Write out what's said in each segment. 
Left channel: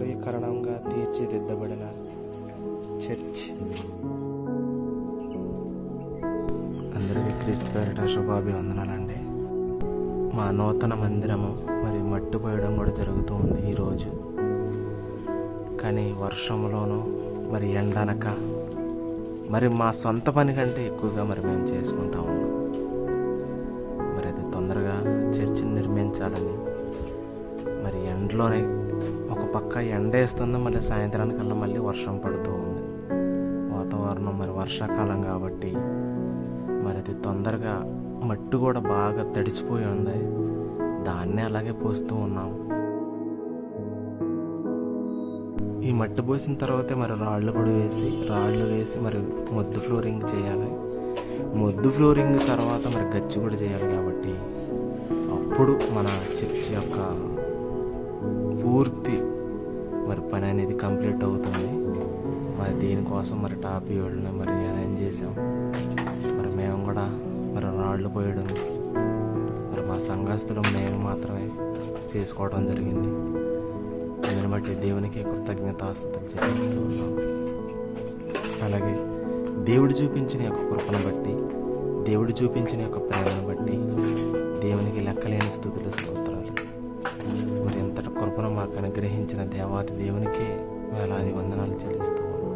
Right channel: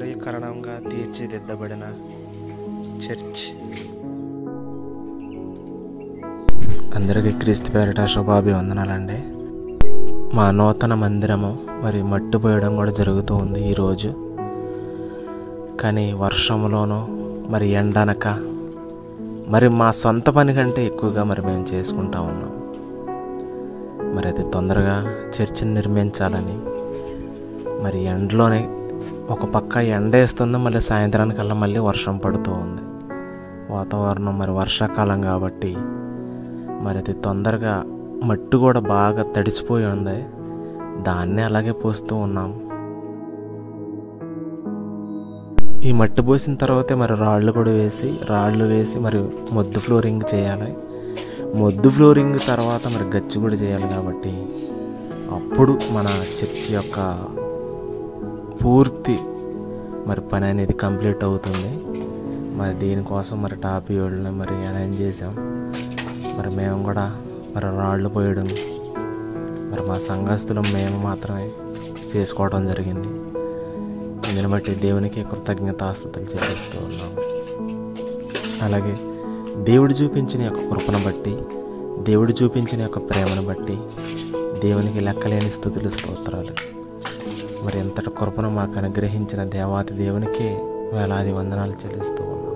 ఆధునికీకరణంగా తీర్చిదిద్దబడిన church. అందరికీ క్రీస్తు పేరిట శుభాభివందనాలండి. మా నూతన మందిరము మరి మట్టి పోయడం కూడా జరుగుతూ ఉంది ఈరోజు. కానీ వర్షంలోనూ మరి ఎండనక మరి మా సొంత పని కంటే ఎక్కువగా మరి మేము చేసుకుంటా ఉన్నాం. మరి అది తొందరగా చర్చిని నిర్మించాలని మరి ఎండలోనే ఒక పక్క ఎండేస్తుంది, మళ్ళీ సాయంత్రానికల్లా మళ్ళీ వర్షం పడుతూ ఉంది. వాతావరణం మరి వర్షాకాలం కాబట్టి మరి అది తొందరగా మట్టి కూడా బాగా తడిసిపోయి ఉంది. దాన్నే అలాగే పోస్తూ ఉన్నాం. ఈ మట్టి పోసిన తర్వాతే మరి రాళ్ళు వేసి మరి మొద్దు ఫ్లోరింగ్ చేయాలి. మొద్దు ఫ్లోరింగ్ తర్వాత మరి గచ్చు కూడా చేయాలి. కాబట్టి అప్పుడు మన చర్చి యొక్క పూర్తి మరి పని అనేది కంప్లీట్ అవుతుంది. మరి దీనికోసం మరి టాపీ వాళ్ళని మరి అరేంజ్ చేసాం. మరి మేము కూడా మరి రాళ్ళు పోయడం మరి మా సంఘస్థులు మేము మాత్రమే చేసుకోవడం జరిగింది. దీన్ని బట్టి దేవునికి కృతజ్ఞతాస్తుతులు చెల్లిస్తూ ఉన్నాం. అలాగే దేవుడు చూపించిన యొక్క కృపను బట్టి, దేవుడు చూపించిన యొక్క ప్రేమను బట్టి దేవునికి లెక్కలేని స్తుతులు స్తోత్రాలు. మరి ఎంతటి కృపను మాకు అనుగ్రహించిన దేవాది దేవునికే వేలాది వందనాలు చెల్లిస్తూ ఉన్నాం.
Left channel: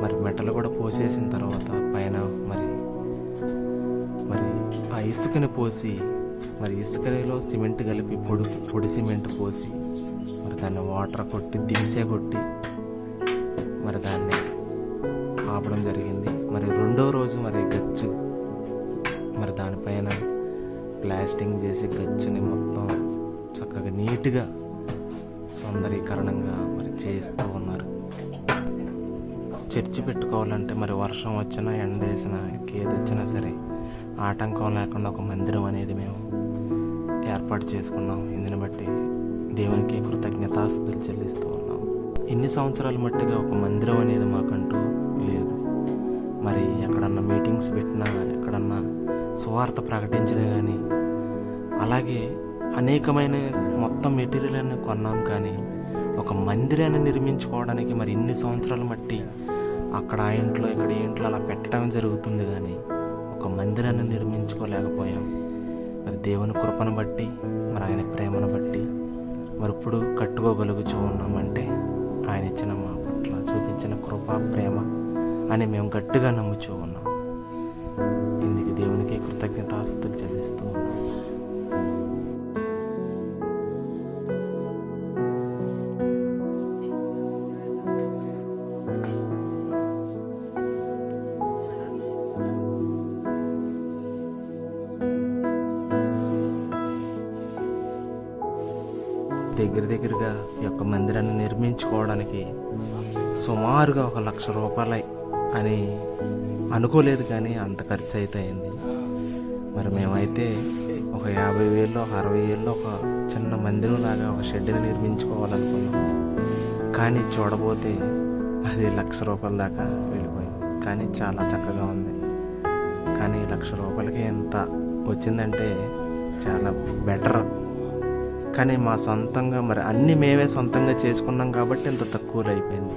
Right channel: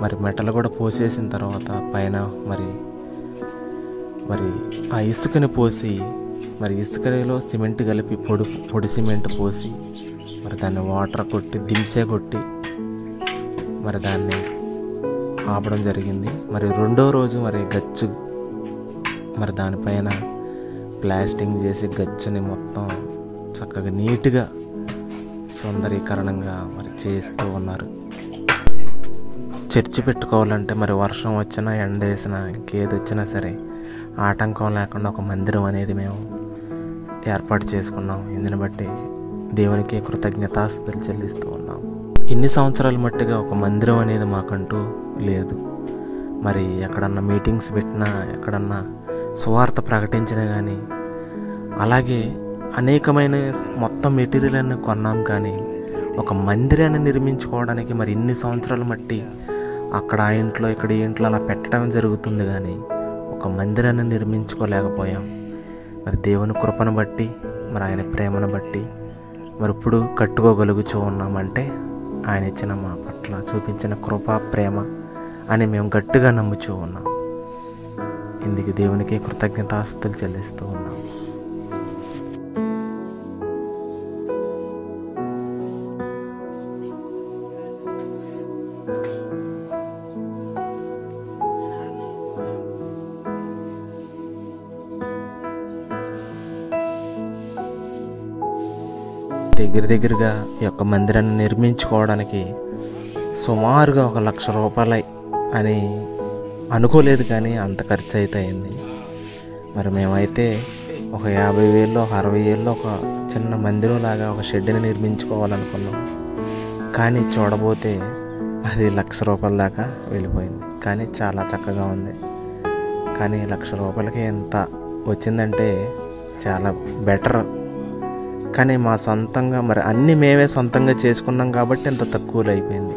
మరి మెటలు కూడా పోసేసిన తర్వాత పైన మరి ఆ ఇసుకని పోసి మరి ఇసుకలో సిమెంట్ కలిపి పొడి సిమెంట్ పోసి మరి దాన్ని వాటర్ కొట్టి దింసే కొట్టి మరి దాన్ని ఆపడం జరిగింది. మరి రెండో రోజు మరి గచ్చు మరి దానిపైన ప్లాస్టింగ్ చేసి గచ్చుని మొత్తం చక్కగా నీట్గా సౌందర్యీకరణంగా మరి చేస్తూ ఉన్నారు. చర్చి పెట్టుకోవాలంటే మరి వర్షం వచ్చినా ఎండ వేసినా ఇంకేది వచ్చినా సరే ఆటంకం లేకుండా ఒక మందిరం అనేది మేము ఏర్పాటు చేసుకున్నాం. ఇందుని బట్టి దేవునికి కృతజ్ఞతాస్తుతులు చెల్లిస్తూ ఉన్నాం. ఇన్ని సంవత్సరాల మట్టిగా ఒక మందిరం అనేది మాకంటూ లేదు. మరి ఎక్కడన్నా మీటింగ్స్ పెట్టినా, ఎక్కడన్నా సువార్త ప్రకటించినా కానీ, అలాగే అనేకమైన మొత్తం మెటీరియల్ అన్ని కొన్నాం. కానీ ఒక మందిరాన్ని నిర్మించుకోవడానికి మరి ఇన్ని సంవత్సరాల మట్టి అక్కడ ఆ ఇంట్లో ఇక్కడ ఈ ఇంట్లో అలా పెట్టడం జరుగుతుంది. కానీ ఒక మందిరాన్ని నిర్మించుకోలేకపోయాం. మరి దేవుని కృపను బట్టి మరి ఆయన ప్రేమను బట్టి మరి ఇప్పుడు కట్టుకోగలుగుతూ ఉన్నామంటే ఆయన ఇచ్చిన మా పట్ల చూపించిన కృప ప్రేమ అని మేము గట్టిగా నమ్ముతూ ఉన్నాం. ఇందుకు దేవునికి కృతజ్ఞతాస్తుతులు చెల్లిస్తూ ఉన్నాం. దగ్గరగా ఈ యొక్క మందిరాన్ని నిర్మించుకోవడానికి సుమారుగా 1,00,000 రూపాయలు అని అనుకోలేదు. కానీ అంత ఖర్చు అయితే అయింది. మరి మేమైతే ఒక 50,000 ఒక 60,000 ఒక చిన్న మందిరం లాగా ఒక షెడ్ని నిర్మించుకోవాలనుకున్నాం. కానీ చూడబోతే అది 1,00,000 రూపాయల దాకా వెళ్ళిపోయింది. కానీ చాలా చక్కగా ఉంది. కానీ 1,00,000 రూపాయలకి ఎంత వచ్చిందంటే చాలా బెటర్. కానీ మా సొంతంగా మరి అన్నీ మేమే సొంతంగా చేసుకున్నాం కాబట్టి ఇంత తక్కువలో అయిపోయింది.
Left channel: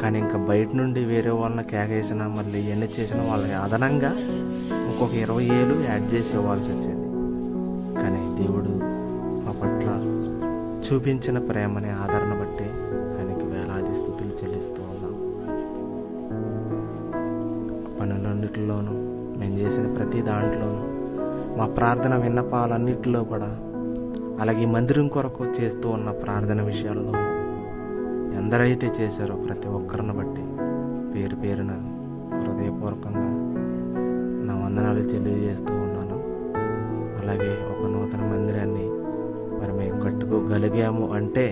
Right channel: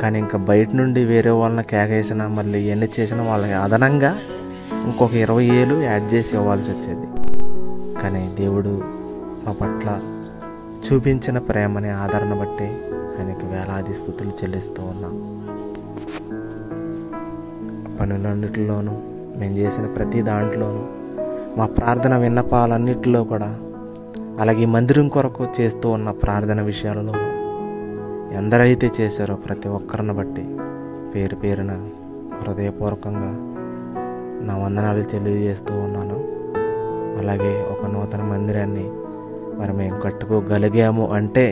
కానీ ఇంకా బయట నుండి వేరే వాళ్ళని కేకేసినా మళ్ళీ ఇవన్నీ చేసినా వాళ్ళకి అదనంగా ఇంకొక 20,000 యాడ్ చేసి ఇవ్వాల్సి వచ్చేది. కానీ దేవుడు మా పట్ల చూపించిన ప్రేమని ఆదరణ బట్టి ఆయనకి వేలాది స్తుతులు చెల్లిస్తూ ఉన్నాం. పనులన్నిటిలోనూ మేము చేసిన ప్రతి దాంట్లోనూ మా ప్రార్థన విన్నపాలన్నిటిలో కూడా, అలాగే మందిరం కొరకు చేస్తూ ఉన్న ప్రార్థన విషయాలలో ఎందరైతే చేశారో ప్రతి ఒక్కరిని బట్టి పేరు పేరున హృదయపూర్వకంగా నా వందనాలు తెలియజేస్తూ ఉన్నాను. అలాగే ఒక నూతన మందిరాన్ని మరి మేము కట్టుకోగలిగాము అంటే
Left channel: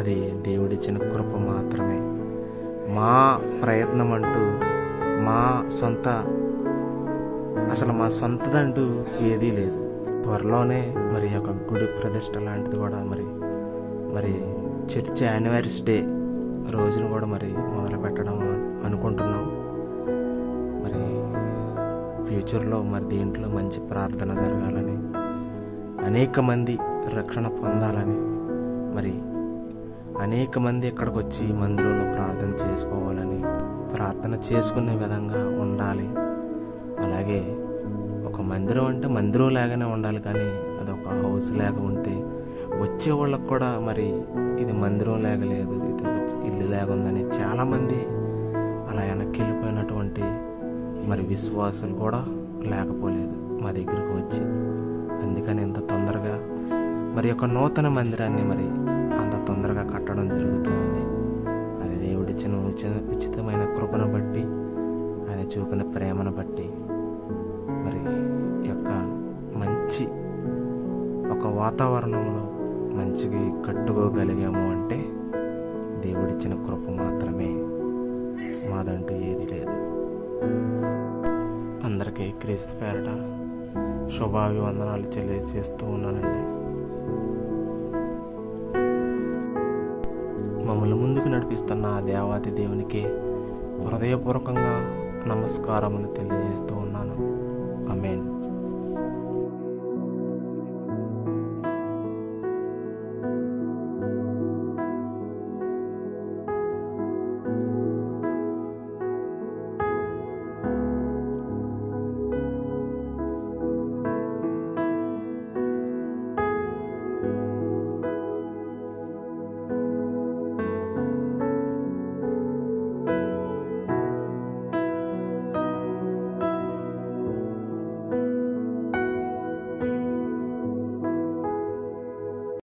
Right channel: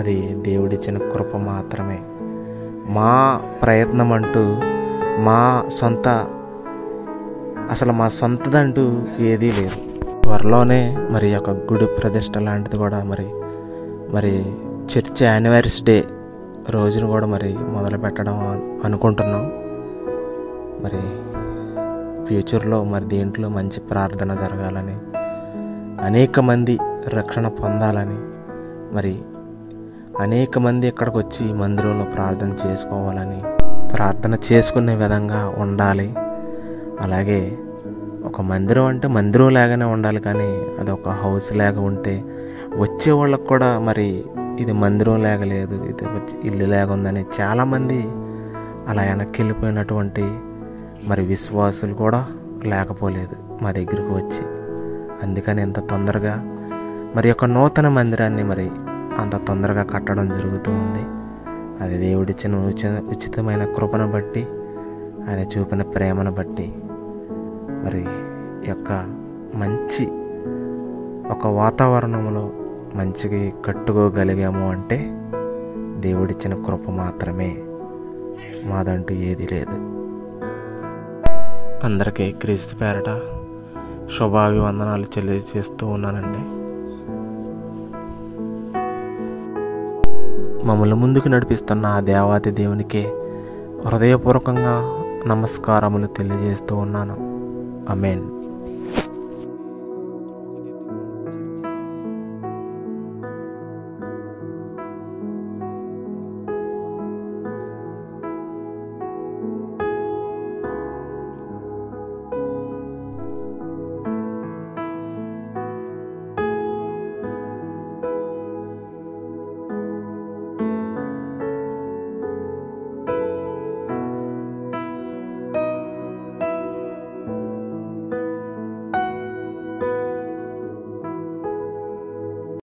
అది దేవుడిచ్చిన కృప మాత్రమే. మా ప్రయత్నం అంటూ అసలు మా సొంతదంటూ ఏదీ లేదు. త్వరలోనే మరి ఒక గుడి ప్రతిష్ట లాంటిది కూడా మరి చర్చ్ యానివర్సరీ డే రోజును కూడా మరి మొదలు పెట్టడం అనుకుంటున్నాం. మరి ఫ్యూచర్లో మరి దీంట్లో మంచి ప్రార్థన జరగాలని, అనేక మంది రక్షణ పొందాలని, మరి అనేక మంది ఇక్కడికి వచ్చి మందిరంలో ప్రార్థన చేసుకోవాలని, ప్రార్థన చేసుకునే విధంగా ఉండాలి. అలాగే ఒక మందిరం అంటే మందిరం లాగానే ఉండాలి, కానీ అది ఒక హౌస్ లాగా ఉంటే వచ్చే వాళ్ళకు కూడా మరి ఇది మందిరం లాగా లేదు, ఇది ఇల్లు లాగా ఉందని చాలామంది అలా వెనక్కి వెళ్ళిపోయినటువంటి మరి విశ్వాసులు కూడా లేకపోలేదు మా దగ్గరికి వచ్చి. అందుకని ఇంత తొందరగా మరి ఒక నూతన మందిరాన్ని మరి అంత తొందరగా కట్టడం జరుగుతూ ఉంది. అది దేవుడిచ్చిన ఉచితమైన కృపను బట్టి, ఆయన చూపిన ప్రేమను బట్టి మరి యొక్క మంచి ఒక వాతావరణంలో మంచిగా కట్టుకోగలిగాము అంటే దేవుడిచ్చిన కృప మాత్రమే, మాదంటూ ఏది లేదు. అందరికీ క్రీస్తు పేరట శుభాభివందనాలు తెలియజేస్తూ ఉన్నానండి. మమ్మల్ని ముందుకు నడిపిస్తున్న ఆ దేవాతి దేవునికే హృదయపూర్వకంగా నమస్కారములు తెలియజేస్తూ ఉన్నాను. ఆమేన్.